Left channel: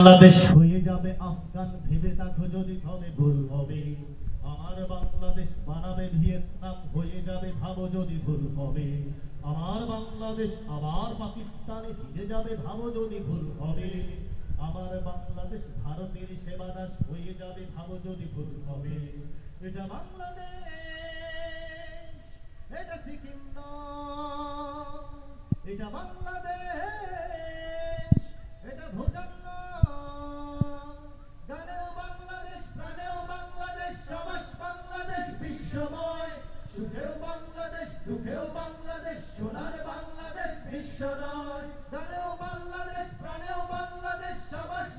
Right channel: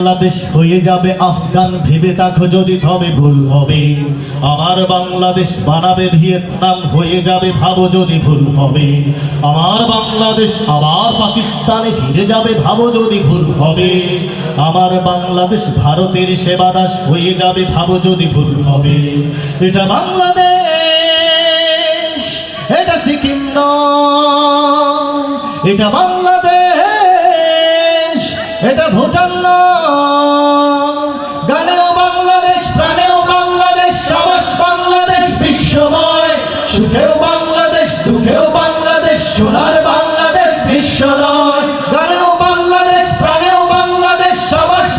বাংলাদেশ হয়ে যাবে আফগান, ভেবে দেখো যদি তবে ভুল হবে। আমার বাংলাদেশ বানাবে ভিয়েতনাম, হয়ে যাবে ভাবো যদি ভুল হবে। আমার বাংলাদেশ আবার পাকিস্তানে ফিরে যাবে, ভাবো যদি ভুল হবে। আমার বাংলাদেশ ভারতের সেবাদাস, হয়ে যাবে, ভাবো যদি ভুল হবে। এটা বাংলাদেশ, এটা সিকিম নয়, এটা বাংলাদেশ। এটা ভুটান গানেও বাংলাদেশ, প্রাণেও বাংলাদেশ সাবাস বাংলাদেশ, বিশ্বময়। সুখেও বাংলাদেশ, দুঃখেও বাংলাদেশ, সোনার বাংলাদেশ বিশ্বময় গানেও বাংলাদেশ, প্রাণেও বাংলাদেশ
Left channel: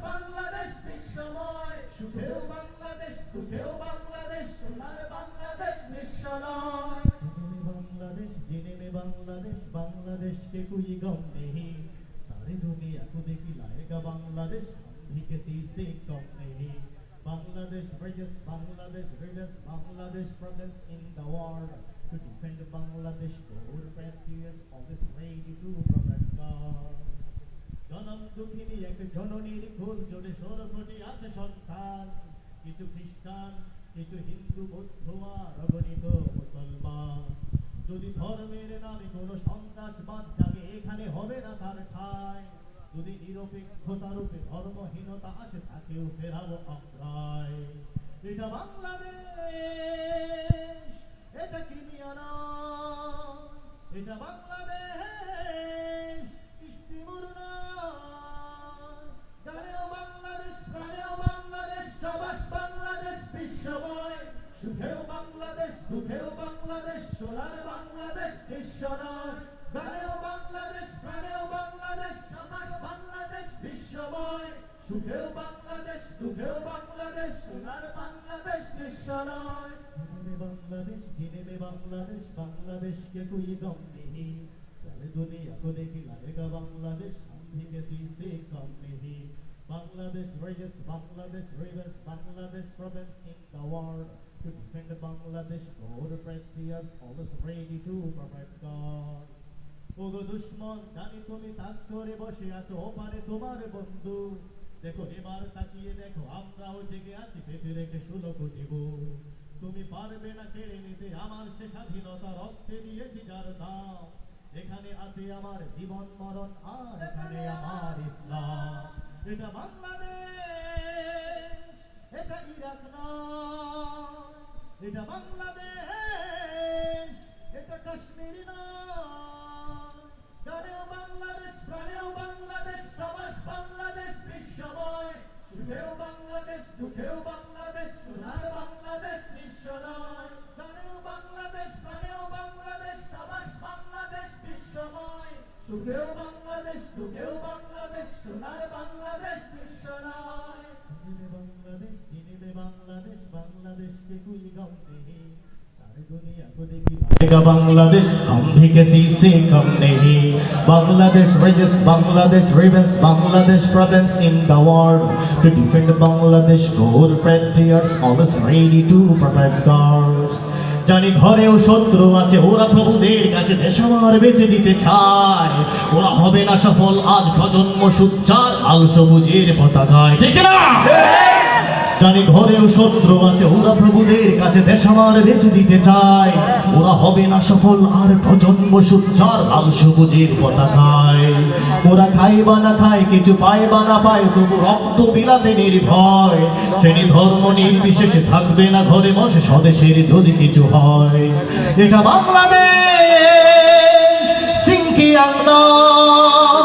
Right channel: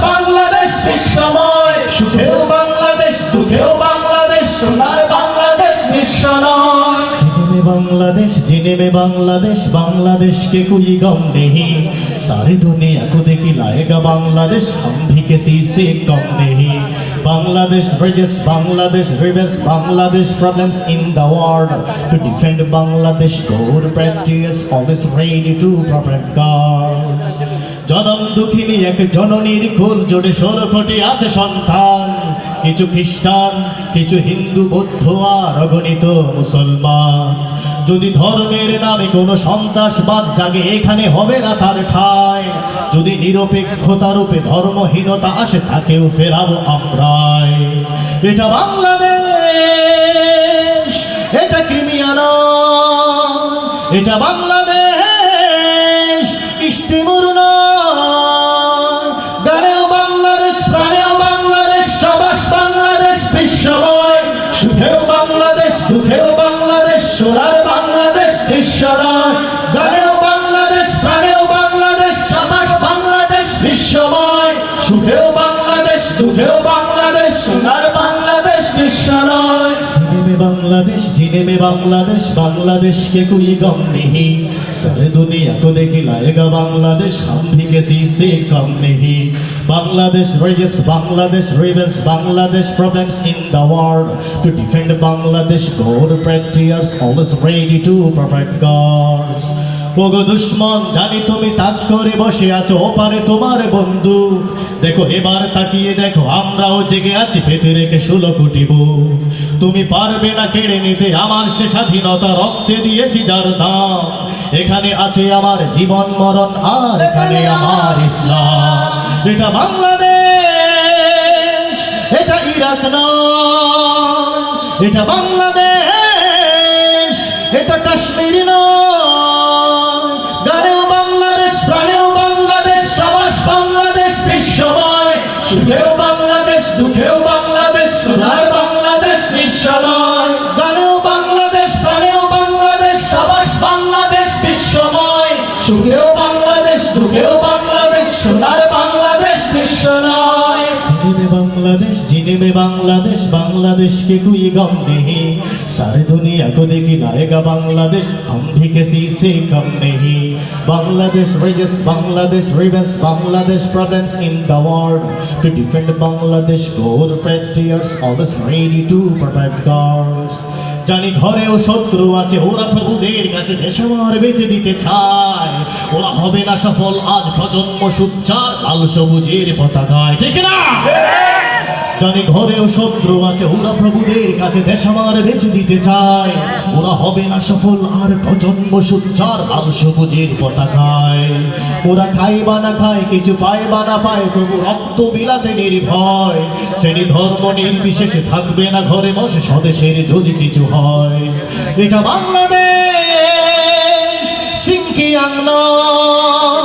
বাংলাদেশ, বিশ্বময়। সুখেও বাংলাদেশ, দুঃখেও বাংলাদেশ, সোনার বাংলাদেশ বিশ্বময় বাংলাদেশ জিনেবে বাংলাদেশ বাংলাদেশ কুই গম নেহি সারি দুনিয়া কুদে लाएगा बांग्लादेश हम भी किसी से कम नहीं Bangladesh bridges Bangladesh rivers Bangladesh problems in the world to defend Bangladesh core practice always ready to protect God জনম দুঃখিনী এক জননীর কোল জোড়ে ষোলো কোটি আছে সন্তান কিছু খ্রিস্টান, কিছু হিন্দু বৌদ্ধ আর অগণিত মুসলমান। যদি ধর্মের নামে কোনো সন্ত্রাসবাদ জাগে, এখানে হবে না তার ঠায় যদি নিরপেক্ষতার রূপে ধর্মহীনতা আসে, তাকেও ফেরাবো আমরাই। এটা বাংলাদেশ, এটা ক্রিমিয়া নয় এটা বাংলাদেশ। সুখেও বাংলাদেশ, দুঃখেও বাংলাদেশ, সোনার বাংলাদেশ বিশ্বময় গানেও বাংলাদেশ, প্রাণেও বাংলাদেশ সমাজ বাংলাদেশ, বিশ্বময়। সুখেও বাংলাদেশ, দুঃখেও বাংলাদেশ, সোনার বাংলাদেশ বিশ্বময় মে বাংলাদেশ জিনে মে বাংলাদেশ বাংলাদেশ কে কুই গম নেহি সারে দুনিয়া কো দেখি লায়েগা বাংলাদেশ, হাম ভি সি সে কম নেহি Bangladesh rages, Bangladesh rebels, Bangladesh problems in the world. To defend Bangladesh god প্র্যাকটিয়ার্স always ready to protect god ওগো দুশ্মন, জানি তুমি তাক করে বসে আছো ওপারে তোমার বন্ধু। দেখো, এবার তাকিয়ে দেখো, আমরাও জেগে আছি পেতে রেখে ষোলো কোটি বুক। তুমি পারবে না কেড়ে নিতে, আমার সে স্বাধীনতা রক্তে দিয়েছি যার দাম। এখানে আছে আমার জীবন, মরণ, আর এখানে আমার ইসলাম। এটা বাংলাদেশ, এটা ইরাক নয়, এটা বাংলাদেশ, এটা কাশ্মীর সুখেও বাংলাদেশ, দুঃখেও বাংলাদেশ, সোনার বাংলাদেশ বিশ্ব নয়। বাংলাদেশ জিনেবে বাংলাদেশ বাংলাদেশ কুই গম নেহি। সারে দুনিয়া কো দেখি লায়েগা বাংলাদেশ, হাম ভি কিসি সে কম নেহি। Bangladesh ridges, Bangladesh rebels Bangladesh problems in the world. To defend Bangladesh গোর প্র্যাকটিয়ার্স always ready to protect girls. জানি ঘরেও শত্রু আছে, ওরা প্রভুদের কাছে দেশ আমার বেঁচে দিতে চায়। ওরা হবে না সফল। আজ প্রজন্ম সুচ্চার, লাল সবুজের পতাকায়। ঠিক না? জানি ঘরেও শত্রু আছে, ওরা প্রভুদের কাছে দেশ বেঁচে দিতে চায়। ওরা হবে না সফল, আর প্রজন্ম সুচ্চার, লাল সবুজের পতাকায়। ওরা খায় বা না খায়, কিছু পায় বা না পায়, তবু রক্ত বিলাতে নির্ভয়। শ্রেণি ধর্ম নির্বিশেষে থাকবে না ঘরে বসে, স্বদেশের যদি কিছু হয়। এটা বাংলাদেশ! সিংকিয়াং নয়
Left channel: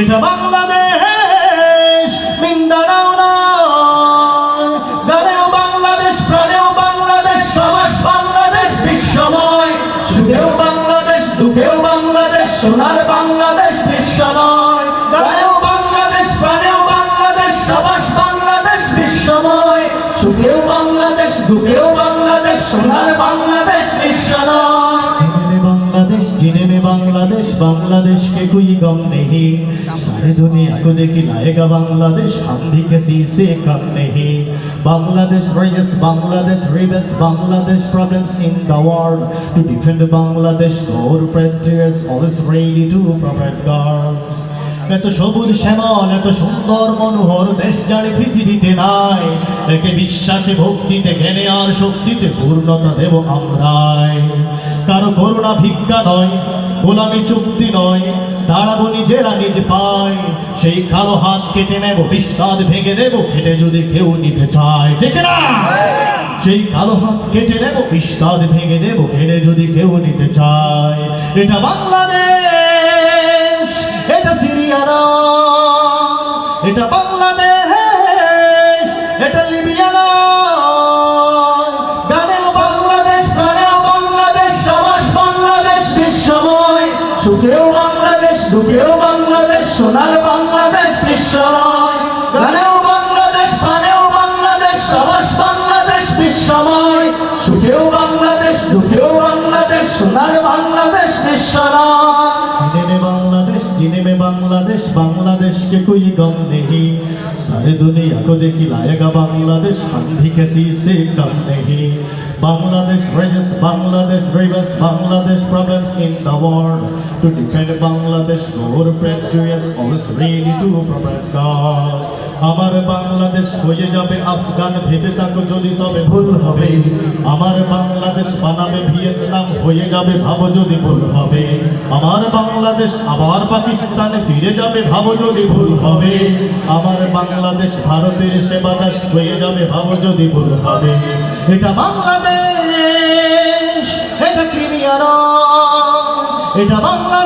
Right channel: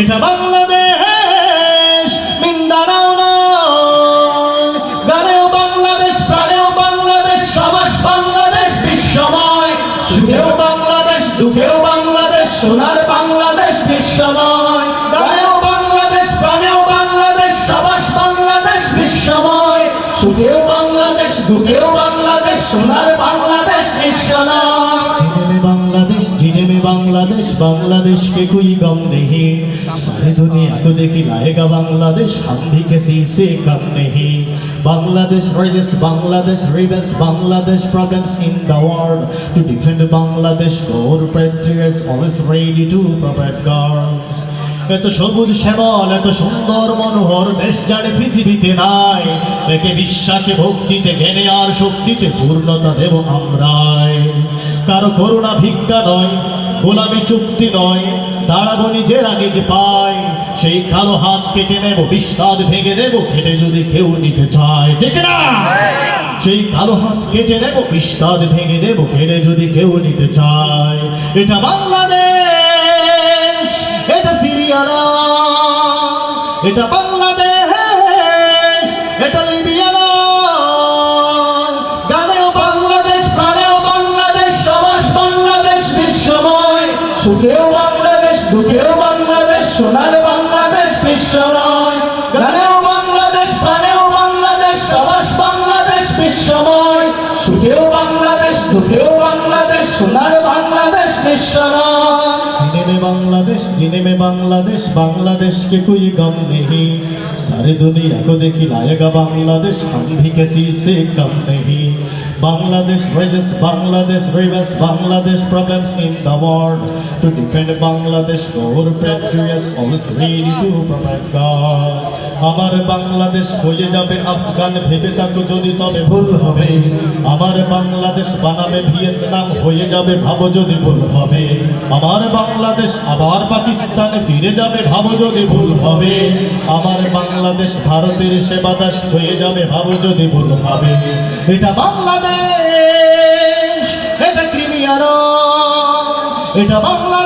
এটা বাংলাদেশ, মিন্দারাও বাংলাদেশ, প্রাণেও বাংলাদেশ সবাস বাংলাদেশ, বিশ্বময়। বাংলাদেশ, দুঃখেও বাংলাদেশ, সোনার বাংলাদেশ, বিশ্বময়। গানেও বাংলাদেশ, প্রাণেও বাংলাদেশ সবাস বাংলাদেশ, বিশ্বময়। সুখেও বাংলাদেশ, দুঃখেও বাংলাদেশ, সোনার जीने में बांग्लादेश बांग्लादेश के कोई गम नहीं सारे दुनिया को देखी लाएगा बांग्लादेश हम भी किसी से कम नहीं Bangladesh bridges Bangladesh rivers Bangladesh problems in the world to defend Bangladesh God practitioners always ready to protect God এত সবুজ শ্যামল এত সুন্দর মনোহর দেশ জানে পৃথিবীতে নাই একে বিশ্বাসে ভক্তিতে জ্ঞানে আর শক্তিতে পূর্ণতা দেব আমরাই কারো করুণা ভিক্ষা নয় গোলামি চুক্তি নয়, দাঁড়াবো নিজেরা নিজে পায়। সেই কালো হাত কেটে নেব বিস্তাদ ভেঙে নেব খেটে যদি কেউ নিতে চায়, ঠিক না? সেই কালো হাত কেটে নেব বিস্তাদ ভেঙে নেব খেটে যদি কেউ নিতে চায়। এটা বাংলাদেশ, এটা সিরিয়ানা, এটা বাংলাদেশ। সুখেও বাংলাদেশ, দুঃখেও বাংলাদেশ, সোনার বাংলাদেশ বিশ্বময় গানেও বাংলাদেশ প্রাণেও বাংলাদেশ সবাস বাংলাদেশ বিশ্বময় সুখেও বাংলাদেশ, দুঃখেও বাংলাদেশ, সোনার বাংলাদেশ বিশ্বময় সিনেমে বাংলাদেশ জিনেমে বাংলাদেশ বাংলাদেশ কে কুই গম নেহি? সারে দুনিয়া কো দেখি লায়গা বাংলাদেশ হম ভি কিসি সে কম নেহি? Bangladesh raises Bangladesh rebels Bangladesh problems in the world to defend Bangladesh more patriots always ready to protect God আমার বাংলাদেশ হয়ে যাবে আফগান ভেবে থাকো যদি তবে ভুল হবে আমার বাংলাদেশ বানাবে, ভিয়েতনাম হয়ে যাবে, ভাবো যদি ভুল হবে। আমার বাংলাদেশ আবার পাকিস্তানে ফিরে যাবে, ভাবো যদি ভুল হবে। আমার বাংলাদেশ ভারতের সেবাদাস হয়ে যাবে, ভাবো যদি ভুল হবে। এটা বাংলাদেশ, এটা ক্রিমিয়ার, এটা বাংলাদেশ।